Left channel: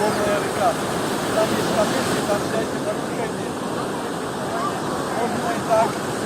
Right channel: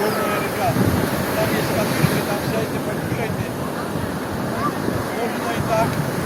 Wolna RK. Tam jest papieżny, tam dajcie pan uprzejmie. Można i tak.